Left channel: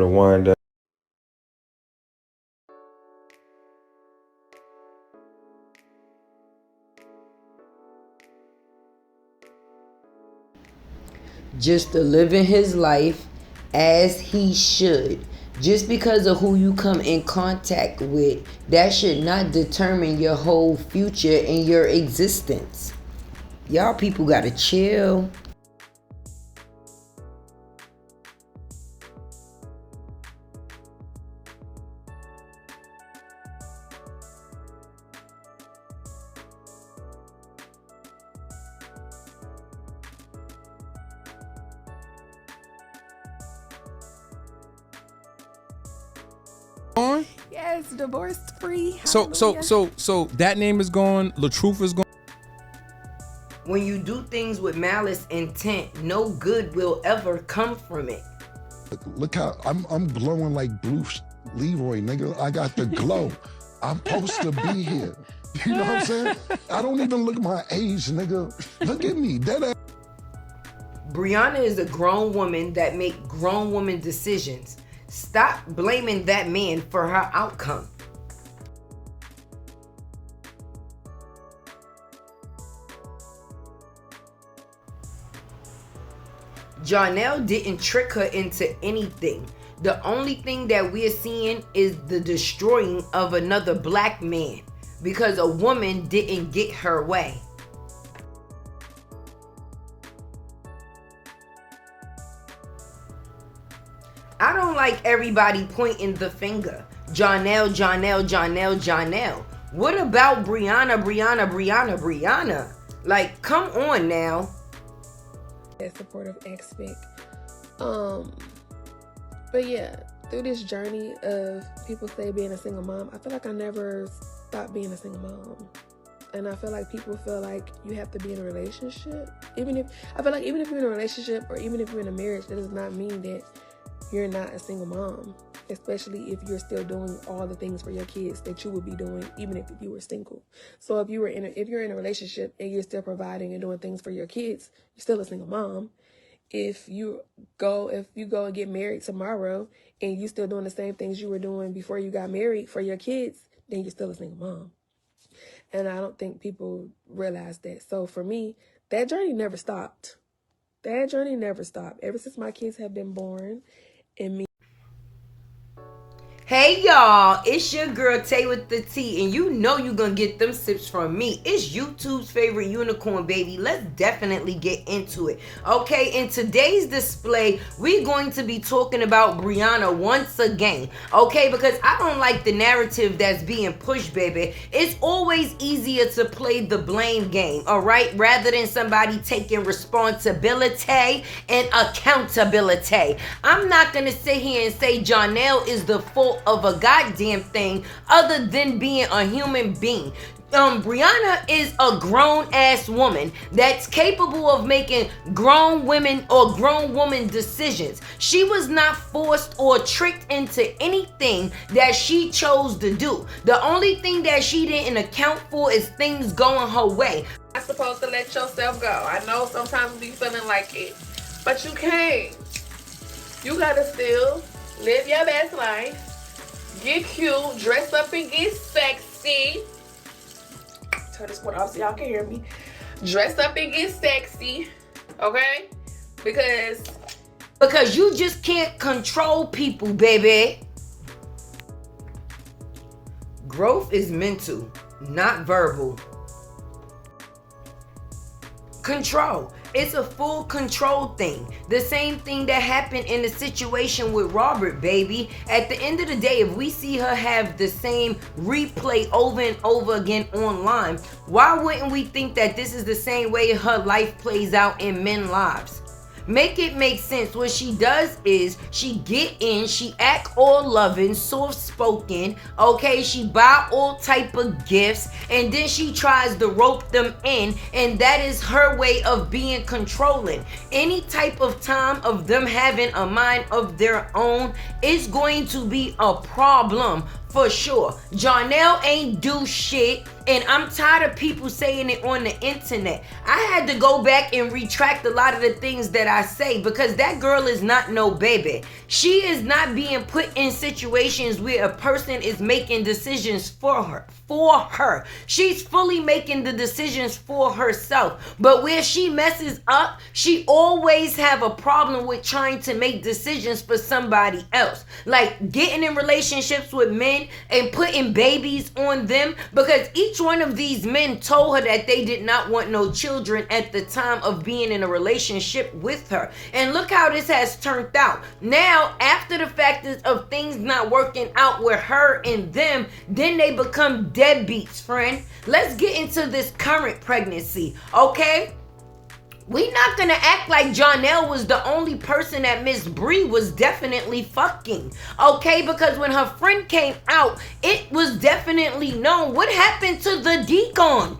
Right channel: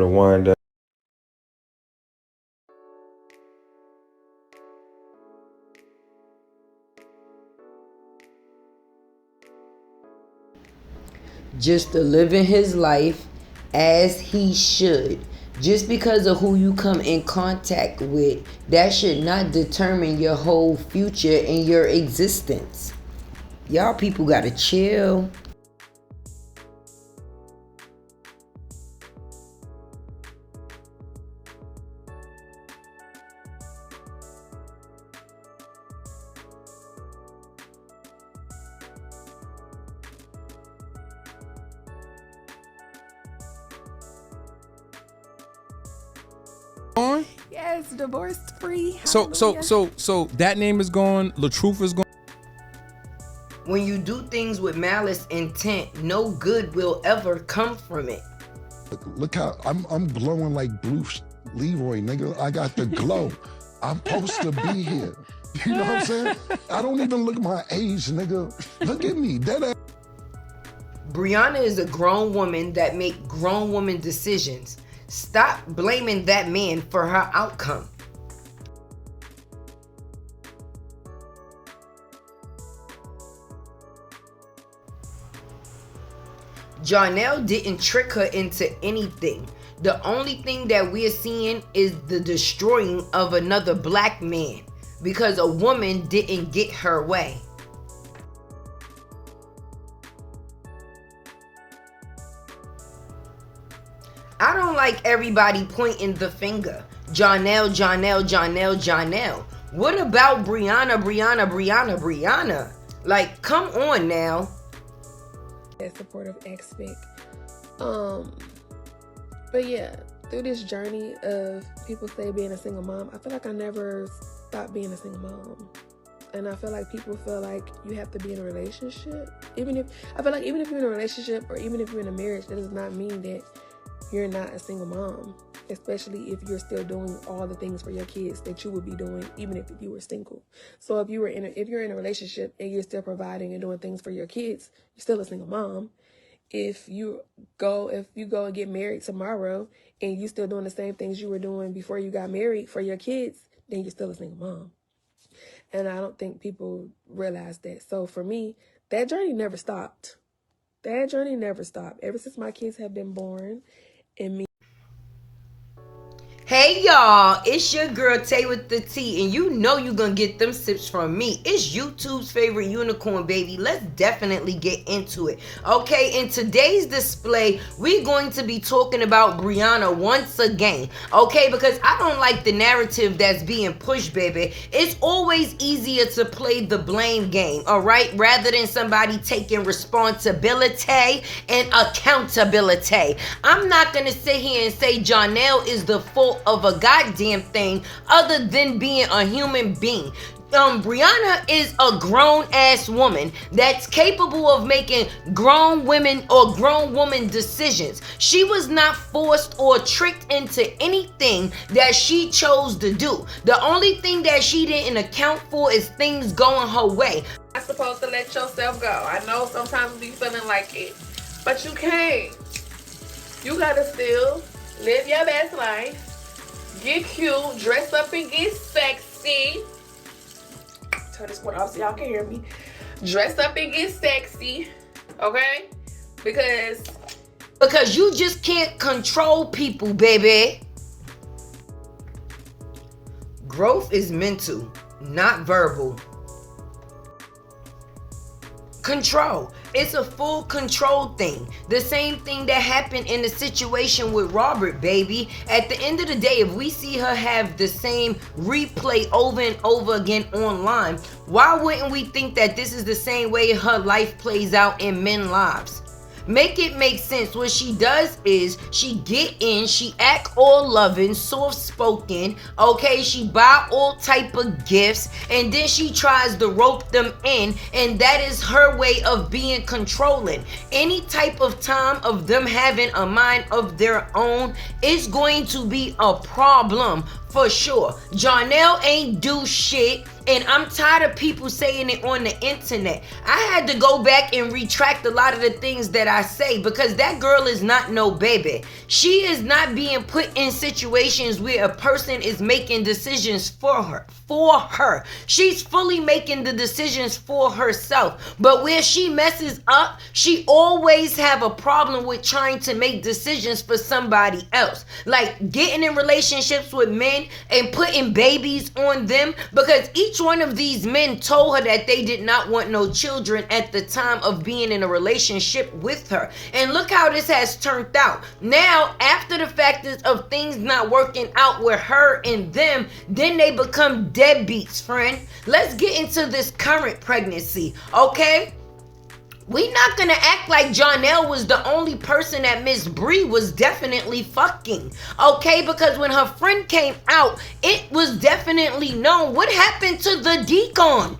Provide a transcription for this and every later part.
to wind up. Just to living his life as he should. Just because of who you come in contact with, that should not determine your whole future and your existence. Y'all people gotta chill. Yes, divorced free. So that name is gone. LaTruth is gone. When you do things with malice intent, no good will ever come from it. Look how I'm glowing like Bruce Leroy, nigga. I got the glow. I'm supposed to be here. You know what I'm saying? I don't even look my age, nigga. Look at me. That Brianna is a grown woman that make grown woman decisions. Stop blaming that man for her outcome. Jarnell didn't trick her into anything. The only thing that we're seeing is the destroying of another black man because a woman didn't get her way. I don't like everybody pointing the finger. Jarnell. What about Brianna? Like, come on now. That supportive aspect. But yeah, through this journey of people say being a single mom, I feel like I never stopped being a single mom. And I feel like people feel like you have to be in a relationship. Even if you're in a relationship or even if you're in a marriage, that does not mean that you're not a single mom, especially if you're still doing all the things for your kids that you would be doing even if you were single. So if you're in a relationship and you're still providing and doing things for your kids, you're still a single mom. If you go and get married tomorrow and you're still doing the same things you were doing before you got married for your kids, then you're still a single mom. And I don't think people realize that. So for me, that journey never stopped. Ever since my kids have been born. And me. Hey y'all, it's your girl Tay with the T, and you know you gonna get them sips from me. It's YouTube's favorite unicorn, baby. Let's definitely get into it. Okay, in today's display, we're going to be talking about Brianna once again. Okay, because I don't like the narrative that's being pushed, baby. It's always easier to play the blame game, all right, rather than somebody taking responsibility and accountability. I'm not gonna sit here and say Jarnell is the fault of a goddamn thing other than being a human being. Brianna is a grown-ass woman that's capable of making grown women or grown woman decisions. She was not forced or tricked into anything that she chose to do. The only thing that she didn't account for is things going her way. You're not supposed to let yourself go. I know sometimes you feeling like it, but you can't. You gotta still live your best life. Get cute, dress up and get sexy. Turn this one off so y'all can hear me. Dress up and get sexy, okay? Because you just can't control people, baby. Growth is mental, not verbal. Control. It's a full control thing. The same thing that happened in the situation with Robert, baby. At the end of the day, if we see her have the same replay over and over again online, why wouldn't we think that this is the same way her life plays out in men's lives? Make it make sense. What she does is she get in, she act all loving, soft-spoken, okay? She buy all type of gifts, and then she tries to rope them in, and that is her way of being controlling. Any type of time of them having a mind of their own is going to be a problem For sure. Jarnell ain't do shit, and I'm tired of people saying it on the internet. I had to go back and retract a lot of the things that I say because that girl is not no baby. She is not being put in situations where a person is making decisions for her. She's fully making the decisions for herself. But where she messes up, she always have a problem with trying to make decisions for somebody else. Like getting in relationships with men and putting babies on them, because each one of these men told her that they did not want no children at the time of being in a relationship with her. And look how this has turned out. Now, after the factors of things not working out with her and them, then they become deadbeats, friend. Let's get into this current pregnancy, okay? We not gonna act like Jarnell was the only person that Miss Bree was definitely fucking, okay? Because when her friend came out, it was definitely known. What happened to the deacon?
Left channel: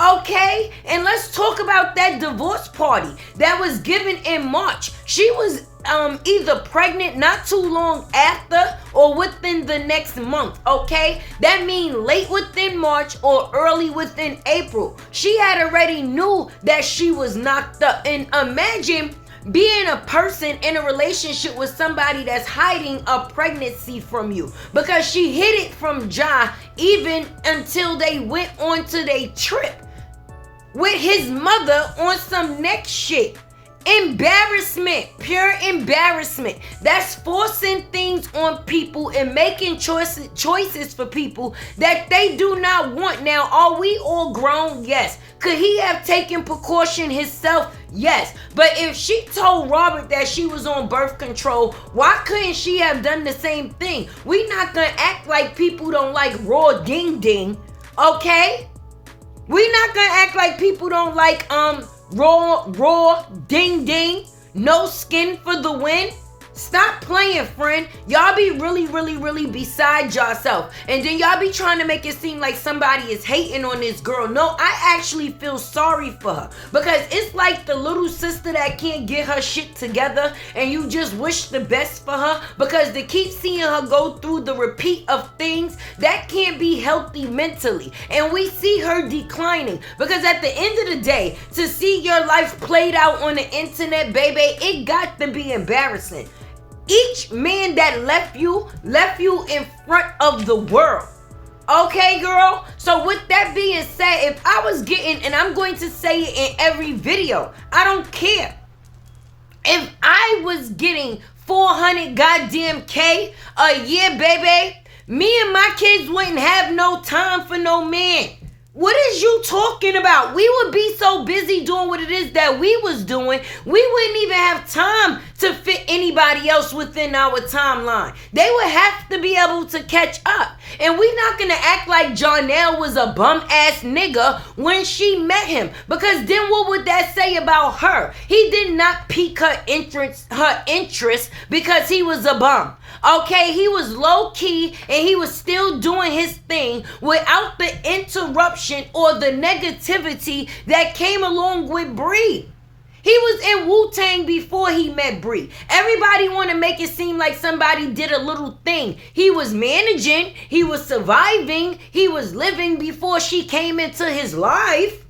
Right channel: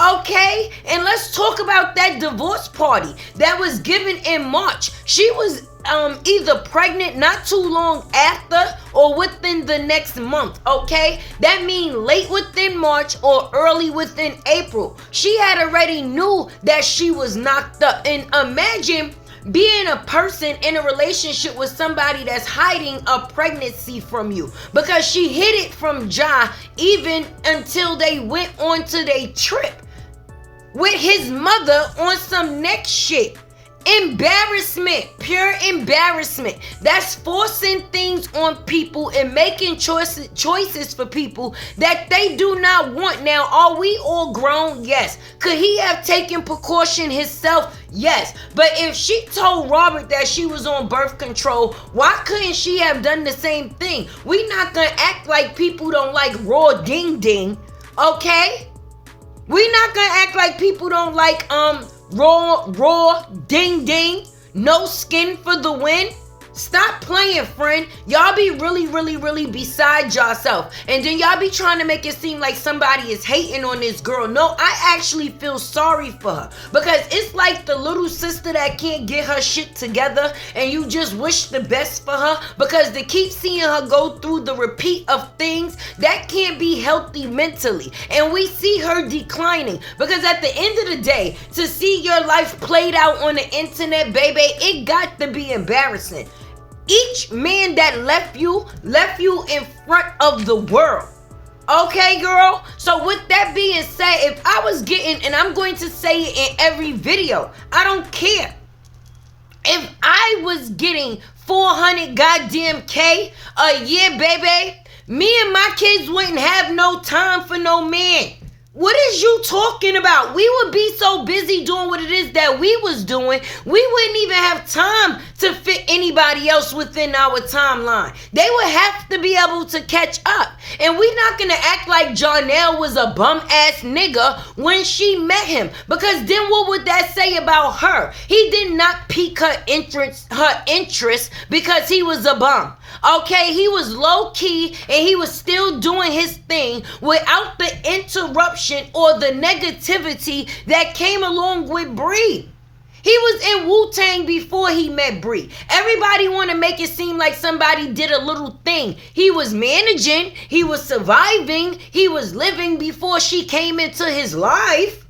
Okay, and let's talk about that divorce party that was given in March. She was either pregnant not too long after or within the next month, okay? That means late within March or early within April. She had already knew that she was knocked up. And imagine being a person in a relationship with somebody that's hiding a pregnancy from you, because she hid it from Ja even until they went on to their trip with his mother on some next shit. Embarrassment, pure embarrassment. That's forcing things on people and making choices for people that they do not want. Now, are we all grown? Yes. Could he have taken precaution himself? Yes. But if she told Robert that she was on birth control, why couldn't she have done the same thing? We not gonna act like people don't like raw ding ding, okay? We not gonna act like people don't like raw ding ding, no skin for the win. Stop playing, friend. Y'all be really beside yourself. And then y'all be trying to make it seem like somebody is hating on this girl. No, I actually feel sorry for her. Because it's like the little sister that can't get her shit together and you just wish the best for her. Because to keep seeing her go through the repeat of things, that can't be healthy mentally. And we see her declining. Because at the end of the day, to see your life played out on the internet, baby, it got to be embarrassing. Each man that left you in front of the world. Okay, girl? So with that being said, if I was getting, and I'm going to say it in every video, I don't care. If I was getting 400 goddamn K a year, baby, me and my kids wouldn't have no time for no man. What is you talking about? We would be so busy doing what it is that we was doing, we wouldn't even have time to fit anybody else within our timeline. They would have to be able to catch up. And we're not gonna act like Jarnell was a bum ass nigga when she met him, because then what would that say about her? He did not pique her interest because he was a bum. Okay, he was low key and he was still doing his thing without the interruption or the negativity that came along with Bree. He was in Wu-Tang before he met Bree. Everybody want to make it seem like somebody did a little thing. He was managing, he was surviving, he was living before she came into his life.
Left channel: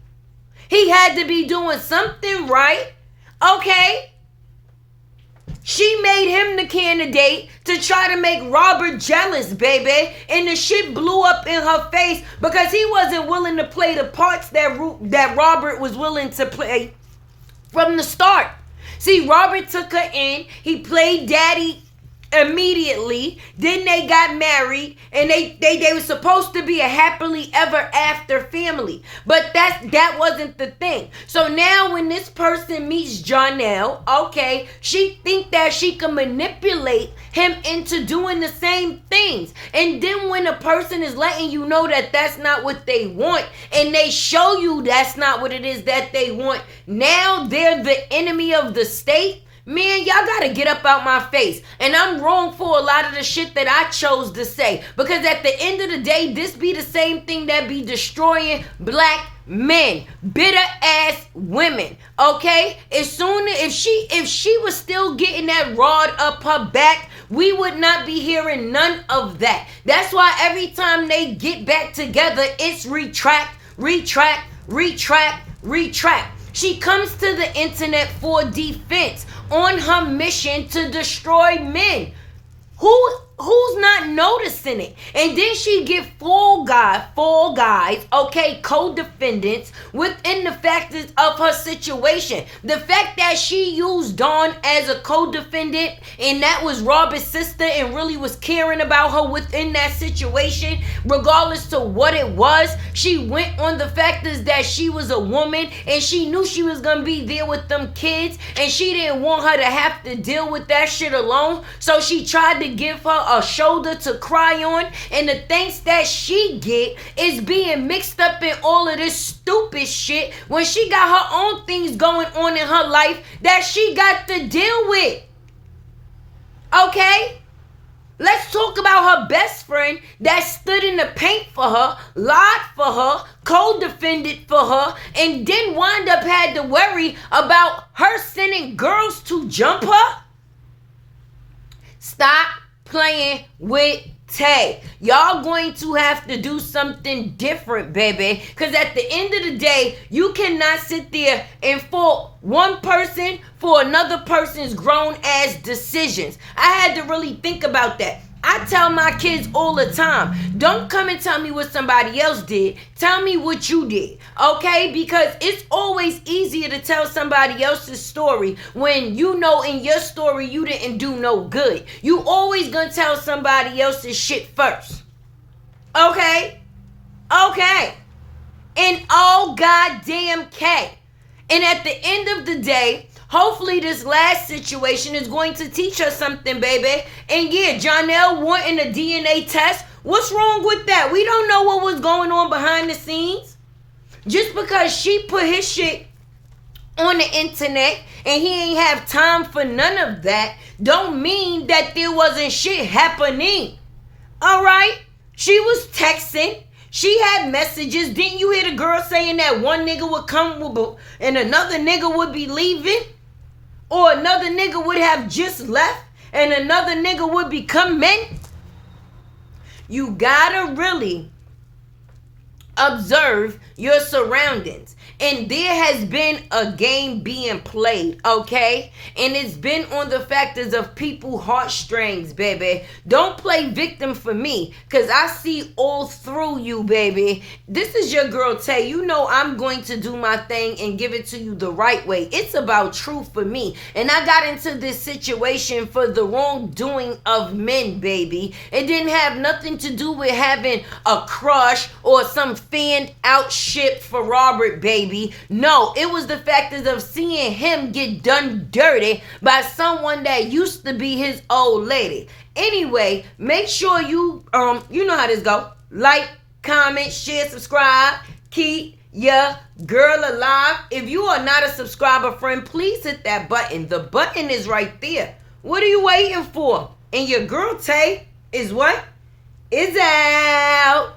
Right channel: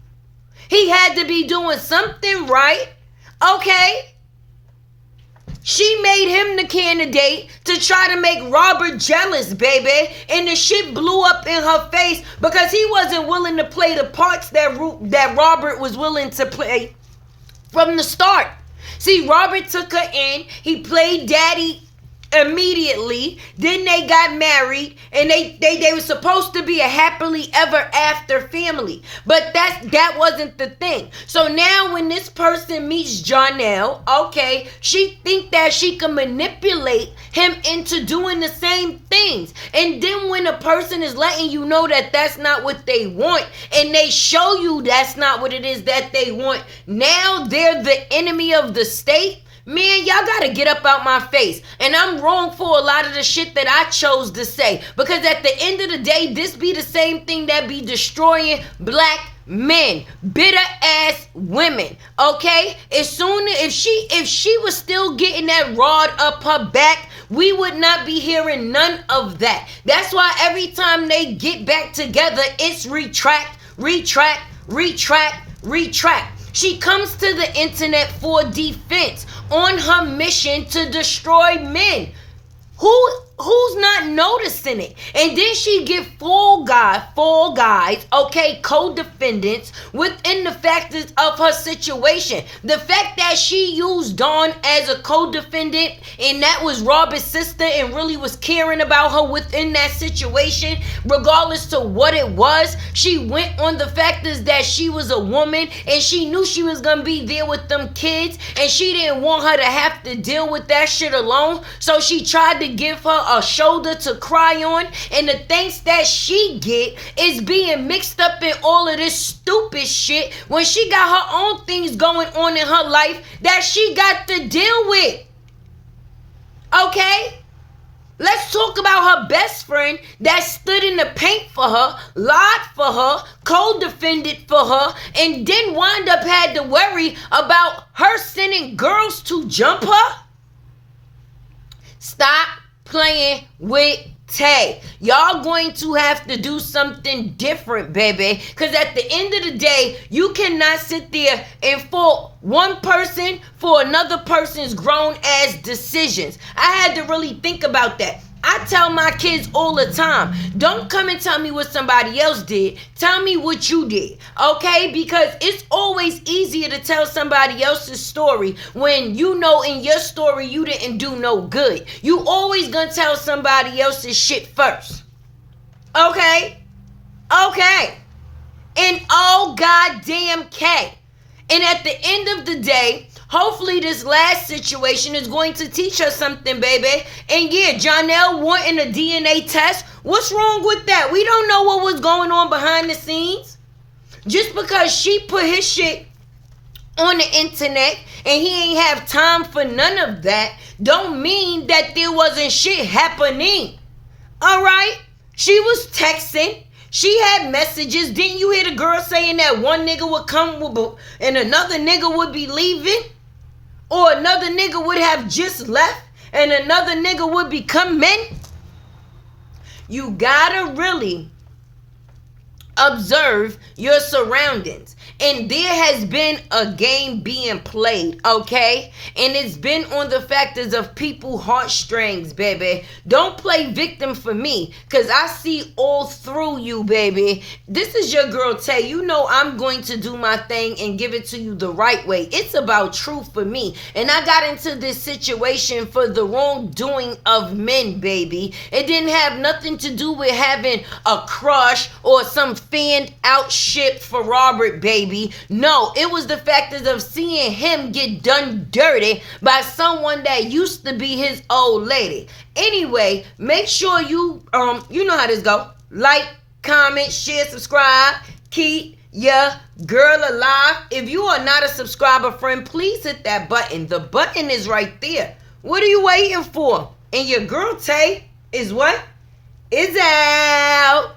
He had to be doing something right. Okay? She made him the candidate to try to make Robert jealous, baby. And the shit blew up in her face because he wasn't willing to play the parts that Robert was willing to play from the start. See, Robert took her in. He played daddy immediately. Then they got married, and they were supposed to be a happily ever after family, but that wasn't the thing. So now when this person meets Jarnell, okay, she think that she can manipulate him into doing the same things. And then when a person is letting you know that that's not what they want, and they show you that's not what it is that they want, now they're the enemy of the state. Man, y'all gotta get up out my face. And I'm wrong for a lot of the shit that I chose to say. Because at the end of the day, this be the same thing that be destroying black men, bitter ass women. Okay? As soon as if she was still getting that rod up her back, we would not be hearing none of that. That's why every time they get back together, it's retract, retract, retract, retract. She comes to the internet for defense on her mission to destroy men. Who's not noticing it? And then she get four guys, okay, co-defendants within the factors of her situation. The fact that she used Dawn as a co-defendant and that was Robert's sister and really was caring about her within that situation, regardless to what it was, she went on the factors that she was a woman and she knew she was gonna be there with them kids and she didn't want her to have to deal with that shit alone. So she tried to give her a shoulder to cry on, and the thanks that she get is being mixed up in all of this stupid shit when she got her own things going on in her life that she got to deal with. Okay? Let's talk about her best friend that stood in the paint for her, lied for her, co-defended for her, and then wound up had to worry about her sending girls to jump her. Stop playing with Tay. Y'all going to have to do something different, baby. Because at the end of the day, you cannot sit there and fault one person for another person's grown ass decisions. I had to really think about that. I tell my kids all the time, don't come and tell me what somebody else did. Tell me what you did, okay? Because it's always easier to tell somebody else's story when you know in your story you didn't do no good. You always gonna tell somebody else's shit first, okay? Okay. And all goddamn K. And at the end of the day, hopefully this last situation is going to teach us something, baby. And yeah, Jonelle wanting a DNA test. What's wrong with that? We don't know what was going on behind the scenes. Just because she put his shit on the internet and he ain't have time for none of that, don't mean that there wasn't shit happening. All right? She was texting. She had messages. Didn't you hear the girl saying that one nigga would come and another nigga would be leaving? Or another nigga would have just left and another nigga would be coming? You gotta really observe your surroundings. And there has been a game being played, okay? And it's been on the factors of people's heartstrings, baby. Don't play victim for me, because I see all through you, baby. This is your girl, Tay. You know I'm going to do my thing and give it to you the right way. It's about truth for me. And I got into this situation for the wrongdoing of men, baby. It didn't have nothing to do with having a crush or some fanned out shit for Robert, baby. No, it was the factors of seeing him get done dirty by someone that used to be his old lady. Anyway, make sure you know how this go. Like, comment, share, subscribe. Keep your girl alive. If you are not a subscriber, friend, please hit that button. The button is right there. What are you waiting for? And your girl Tay is what? Is out.